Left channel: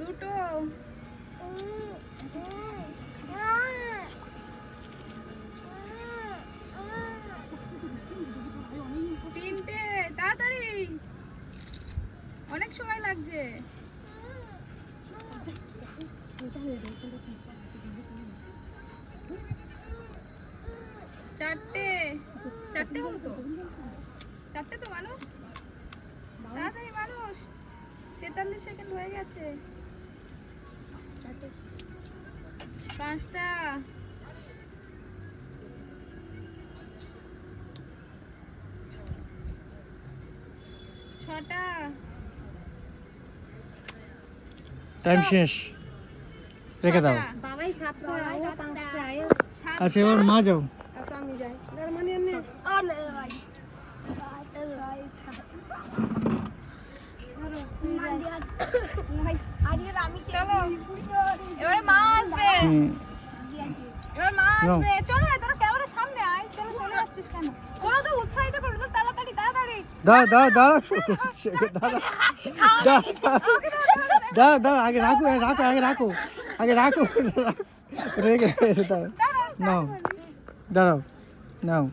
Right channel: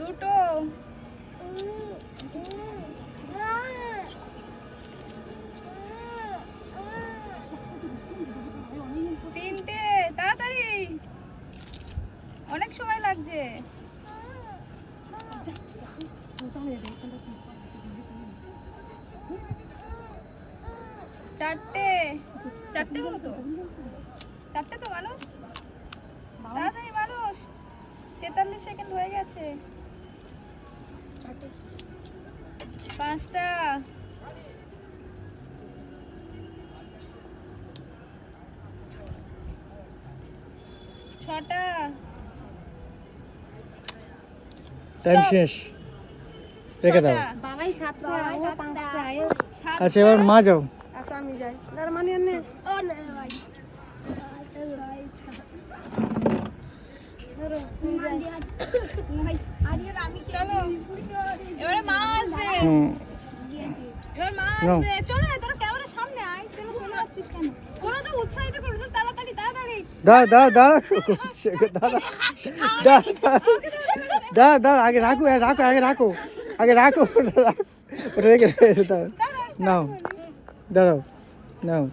দুটো। তিনটে, তাড়াতাড়ি, অনেক সময় লাগছে। চারটে, চারটে হলো তো, চারটে তো মানুষ, তাড়াতাড়ি মানুষ, 43 সেকেন্ড হয়ে গেছে। পাঁচটা, ছটা, টাইম শেষ, রেখে দাও। বাবাই 7টা, ও 5টা। আচ্ছা এবার মা যাও। আচ্ছা আমি যাই। তার মানে এনে ও না ভাই। ধরো তুই যা। চলো এবারে মা আসবে, এবার মা আসবে। চলে আয়, তোরা ক্যামেরার সামনে আয়। চলে যাচ্ছিস কেন? তোরা তো উৎসাহিত করবি, তো তাড়াতাড়ি তাড়াতাড়ি। দাঁড়া আগে রাখো, আগে রাখো রেখে দাও। নাও, দাঁড়াও, নাও।